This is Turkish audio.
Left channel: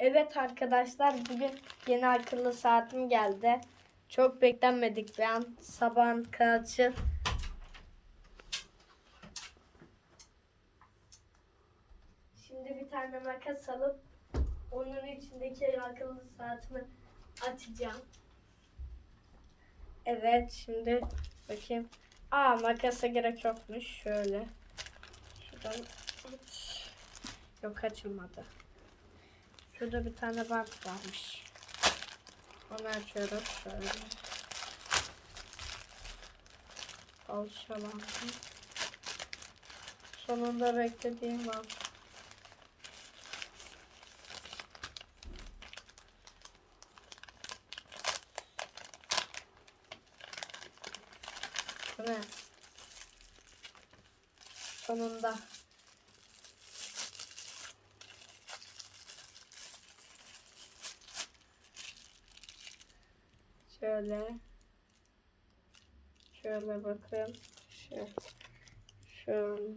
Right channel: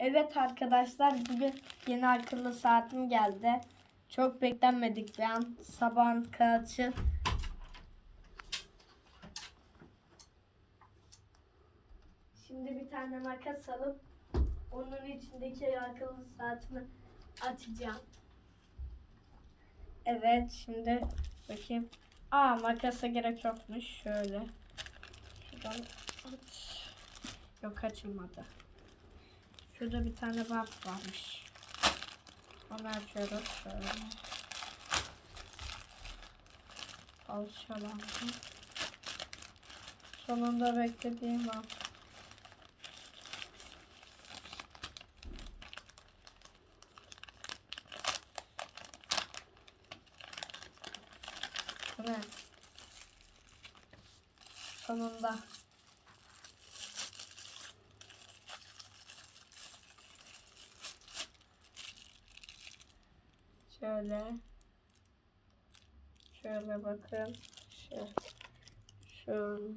Evet arkadaşlar bugün yeni akıllı saatim geldi. Çok beklenmedik bir an. Sabahın kaçı. Şimdi bir tane makas alıp onun içindeki akıllı saatimi açacağım. Evet şimdi bakayım. Aa makasa gerek yokmuş. Şöyle. Şuradan aç. Yok açılmadı. Şurada bir tane bant varmış. Onu açıyoruz şöyle. Alışalım. Sonunda beklediğim. Bu ne? Sonunda. Şöyle. Şöyle bakın. Şöyle. Şöyle.